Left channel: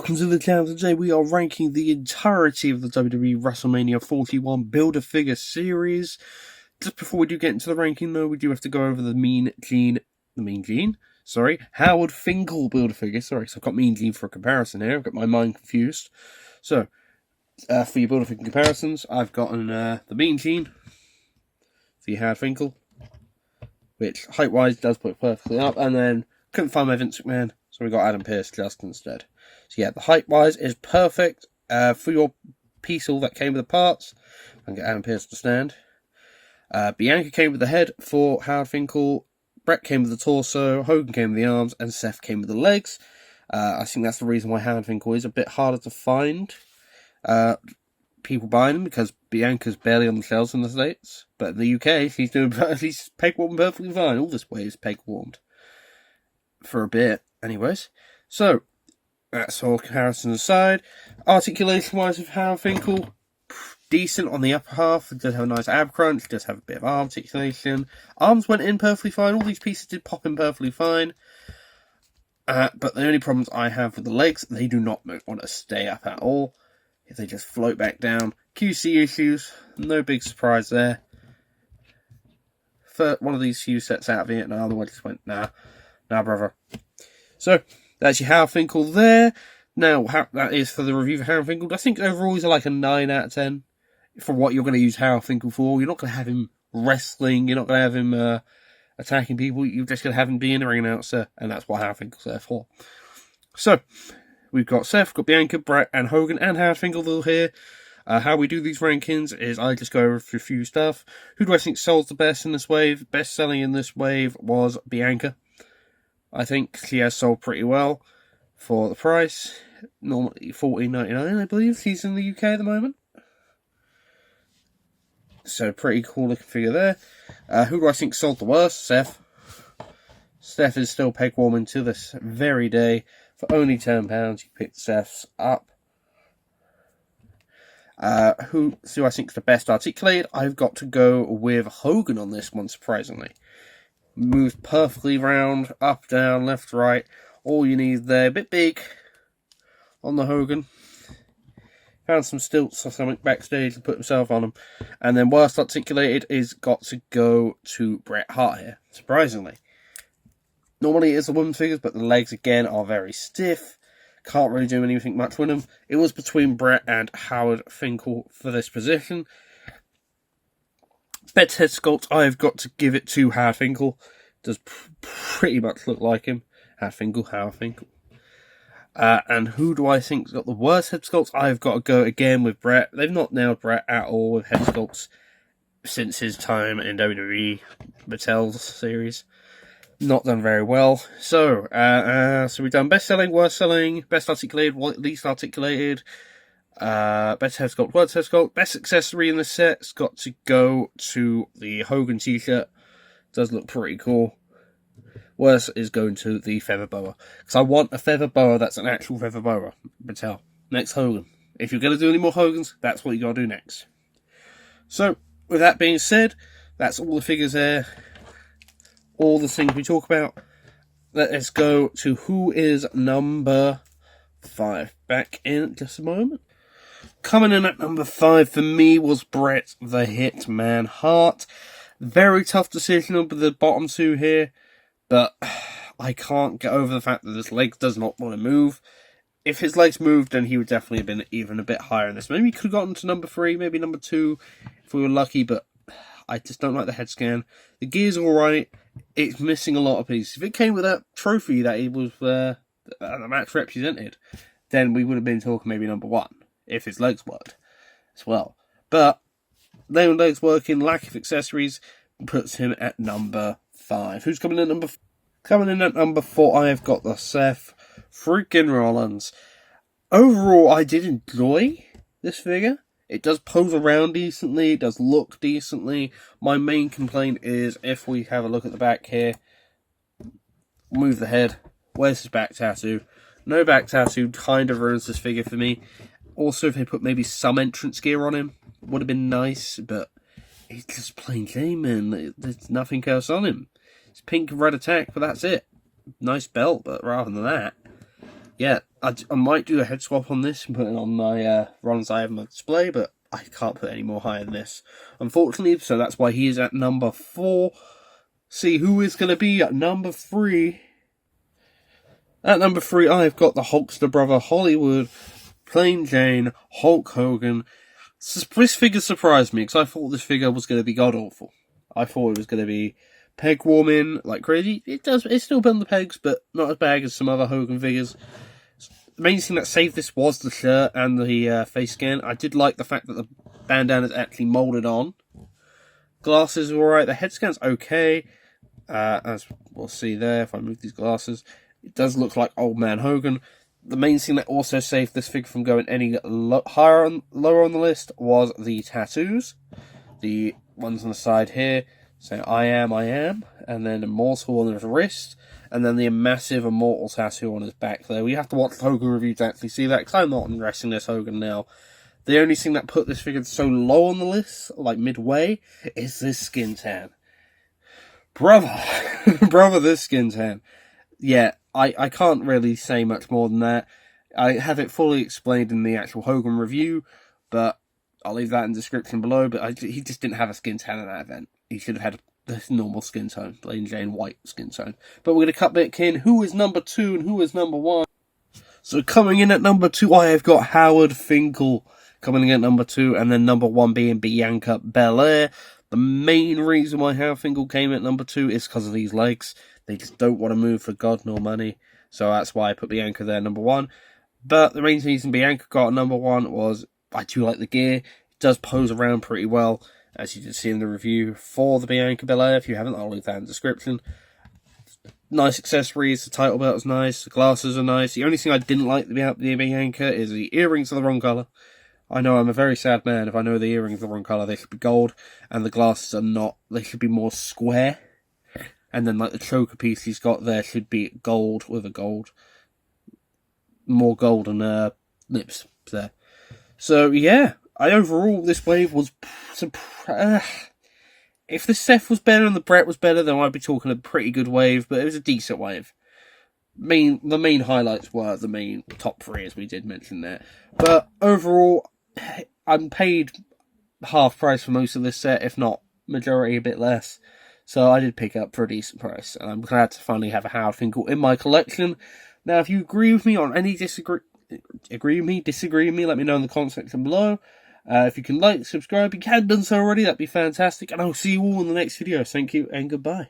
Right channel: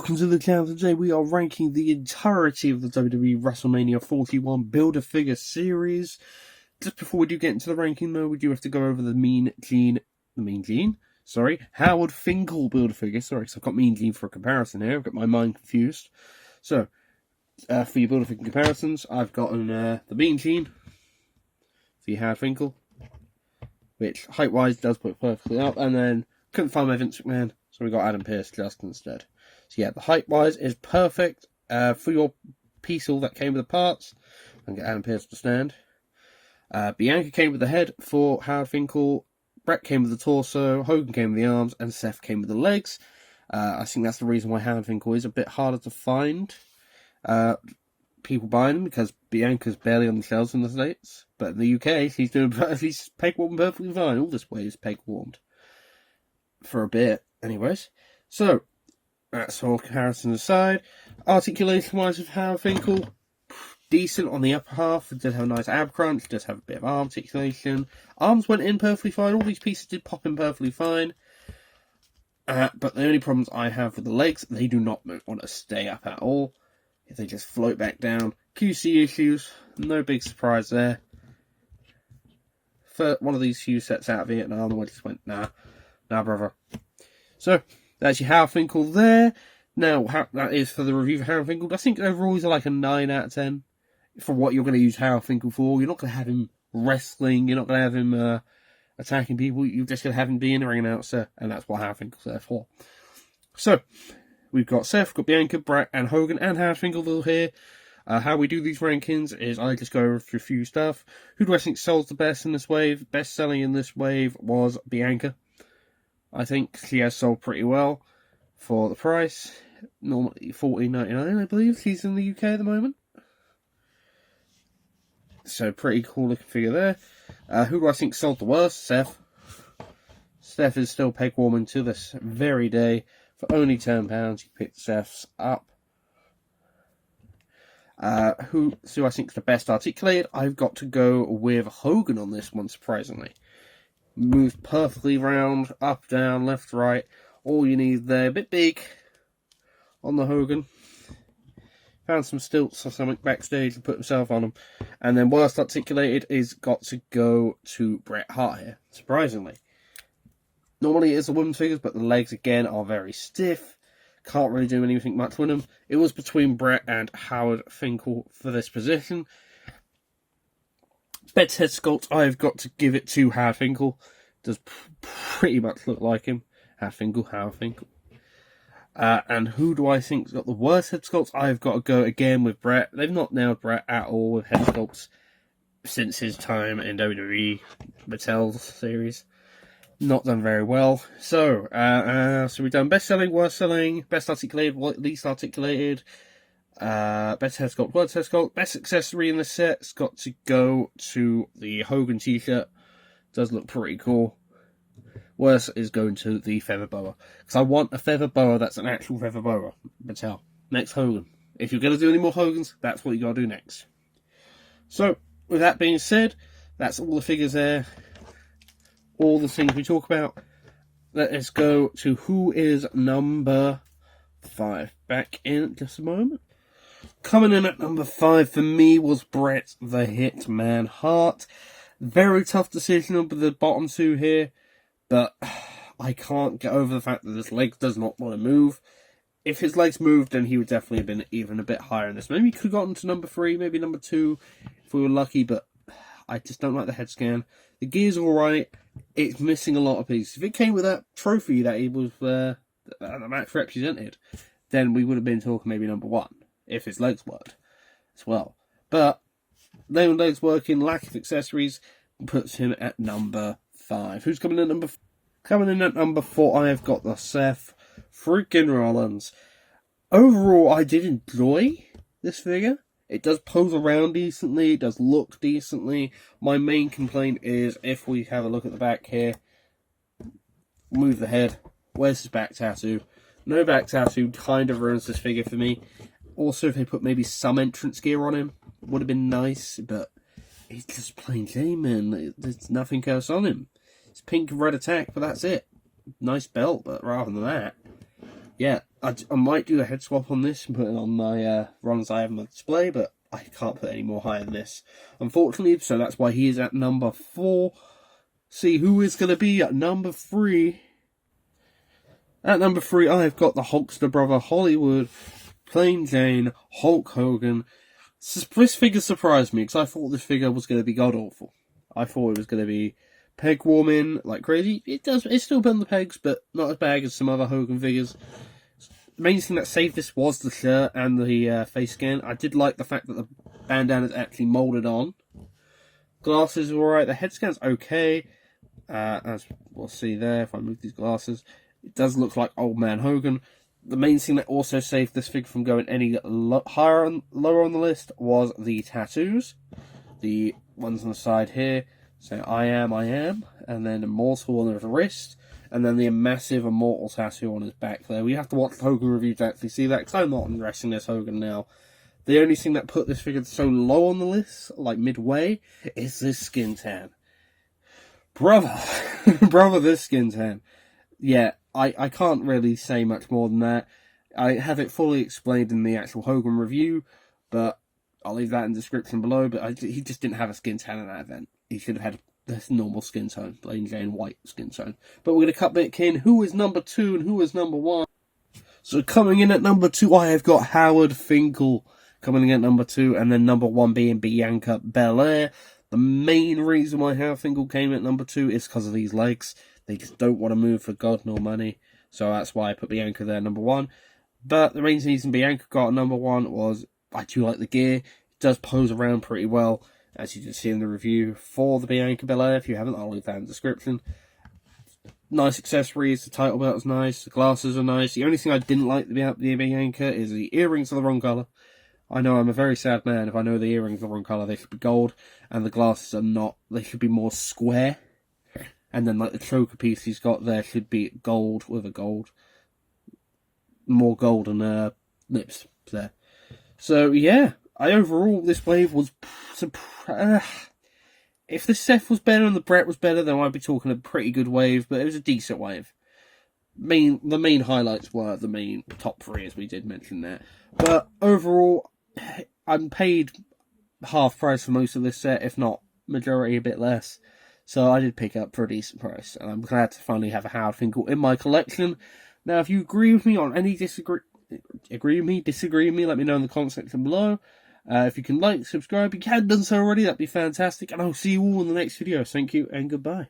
Welcome to the channel. Today we are ranking the entirety of the WWE WrestleMania 41 Build-A-Figure series. Just before we do get into the ranking though, we do have to go over Howard Finkel Build-A-Figure. Sorry, so I've got Mean Gene for a comparison here. I've got my mind confused. So, for your Build-A-Figure comparisons, I've gotten the Mean Gene for your Howard Finkel, which height-wise does put perfectly up, and then couldn't find my Vince McMahon, so we got Adam Pearce just instead. So yeah, the height-wise is perfect for your piece all that came with the parts. I can get Adam Pearce to stand. Bianca came with the head for Howard Finkel. Brett came with the torso. Hogan came with the arms. And Seth came with the legs. I think that's the reason why Howard Finkel is a bit harder to find people buying him, because Bianca's barely on the shelves in the States. But in the UK, he's peg-warmed perfectly fine. All this way is peg-warmed. For a bit, anyways. So, that's all comparisons aside. Articulation-wise of Howard Finkel, decent on the upper half. It does have a nice ab crunch, does have a bit of arm articulation. Arms went in perfectly fine. All these pieces did pop in perfectly fine. But the only problems I have with the legs, they do not want to stay up at all. If they just float back down. QC issues, no big surprise there. For one of these few sets out of Vietnam, the one just went, nah, brother. So, that's your Howard Finkel there. Now, that is for the review for Howard Finkel. I think overall he's like a 9 out of 10 for what you're going to use Howard Finkel for. You're not going to have him wrestling. You're not going to have him attacking people. You're just going to have him be in the ring announcer, and that's what Howard Finkel's there for. So, we've got Seth, got Bianca, Brett, and Hogan, and Howard Finkel here. How we do these rankings is I just go over a few stuff. Who do I think sold the best in this wave? Best selling in this wave was Bianca. I think she has sold pretty well for the price. Normally $14.99, I believe. She's in the UK at the moment. So pretty cool looking figure there. Who do I think sold the worst? Seth. Seth is still peg warming to this very day. For only £10, you picked Seth's up. Who do I think is the best articulated? I've got to go with Hogan on this one, surprisingly. Moved perfectly round, up, down, left, right. All you need there. A bit big on the Hogan. Found some stilts or something backstage and put himself on them. And then worst articulated is got to go to Bret Hart here, surprisingly. Normally it is the women's figures, but the legs again are very stiff. Can't really do anything much with them. It was between Bret and Howard Finkel for this position. Best head sculpt, I've got to give it to Howard Finkel. Does pretty much look like him. Howard Finkel. And who do I think's got the worst head sculpts? I've got to go again with Bret. They've not nailed Bret at all with head sculpts since his time in WWE Mattel's series. Not done very well. So, so we've done best selling, worst selling, best articulated, least articulated. Best head sculpt, worst head sculpt. Best accessory in the set's got to go to the Hogan t-shirt. Does look pretty cool. Worst is going to the feather boa. Because I want a feather boa that's an actual feather boa. Mattel. Next Hogan. If you're going to do any more Hogans, that's what you got to do next. So, with that being said, that's all the figures there. All the things we talk about. Let's go to who is number 5. Back in just a moment. Coming in at number 5 for me was Bret the Hitman Hart. Very tough decision over the bottom two here, but I can't get over the fact that his legs does not want to move. If his legs moved, then he would definitely have been even a bit higher in this. Maybe he could have gotten to number 3, maybe number 2 if we were lucky, but I just don't like the head scan. The gear's alright, it's missing a lot of pieces. If it came with that trophy that he was the match represented, then we would have been talking maybe number 1. If his legs worked as well. But no legs working, lack of accessories, puts him at number 5. Who's coming in at number 4? Coming in at number 4, I have got the Seth freaking Rollins. Overall, I did enjoy this figure. It does pose around decently, it does look decently. My main complaint is, if we have a look at the back here, move the head, where's his back tattoo? No back tattoo kind of ruins this figure for me. Also, if they put maybe some entrance gear on him, would have been nice, but he's just plain Jane, man. There's nothing else on him. It's pink and red attack, but that's it. Nice belt, but rather than that, yeah, I might do a head swap on this and put it on my Rollins I have on my display, but I can't put any more higher than this, unfortunately, so that's why he is at number 4. See who is going to be at number 3. At number 3, I've got the Hulkster brother Hollywood, Plain Jane, Hulk Hogan. This figure surprised me, because I thought this figure was going to be god-awful. I thought it was going to be peg warming like crazy. It's still been the pegs, but not as bad as some other Hogan figures. The main thing that saved this was the shirt and the face scan. I did like the fact that the bandana is actually moulded on. Glasses are alright, the head scan's okay. As we'll see there, if I move these glasses, it does look like Old Man Hogan. The main thing that also saved this figure from going any lower on the list was the tattoos. The ones on the side here saying I am, and then Immortal on his wrist, and then the massive Immortal tattoo on his back there. We have to watch the Hogan review to actually see that, because I'm not wrestling this Hogan now. The only thing that put this figure so low on the list, like midway, is this skin tan. Brother, this skin tan. Yeah, I can't really say much more than that. I have it fully explained in the actual Hogan review, but I'll leave that in the description below. But he just didn't have a skin tan at that event. He should have had this normal skin tone, plain Jane white skin tone. But we're going to cut back in who is number 2 and who is number 1. So coming in at number 2, I have got Howard Finkel coming in at number 2, and then number 1 being Bianca Belair. The main reason why Howard Finkel came at number 2 is because of these legs. They just don't want to move for God nor money. So that's why I put Bianca there, number 1. But the main reason Bianca got number 1 was I do like the gear. It does pose around pretty well, as you can see in the review for the Bianca Belair. If you haven't, I'll leave that in the description. Nice accessories. The title belt is nice. The glasses are nice. The only thing I didn't like about the Bianca is the earrings are the wrong colour. I know I'm a very sad man if I know the earrings are the wrong colour. They should be gold, and the glasses are not. They should be more square. And then, like, the choker piece he's got there should be gold with a gold. More golden lips there. So, yeah. Overall, this wave was... if the Seth was better and the Bret was better, then I'd be talking a pretty good wave. But it was a decent wave. The main highlights were the main top 3, as we did mention there. But overall, I'm paid half price for most of this set, if not majority a bit less. So I did pick up for a decent price, and I'm glad to finally have a Howard Finkel in my collection. Now, if you agree with me on any disagree with me, let me know in the comment section below. If you can like, subscribe, if you hadn't done so already, that'd be fantastic. And I'll see you all in the next video. Thank you, and goodbye.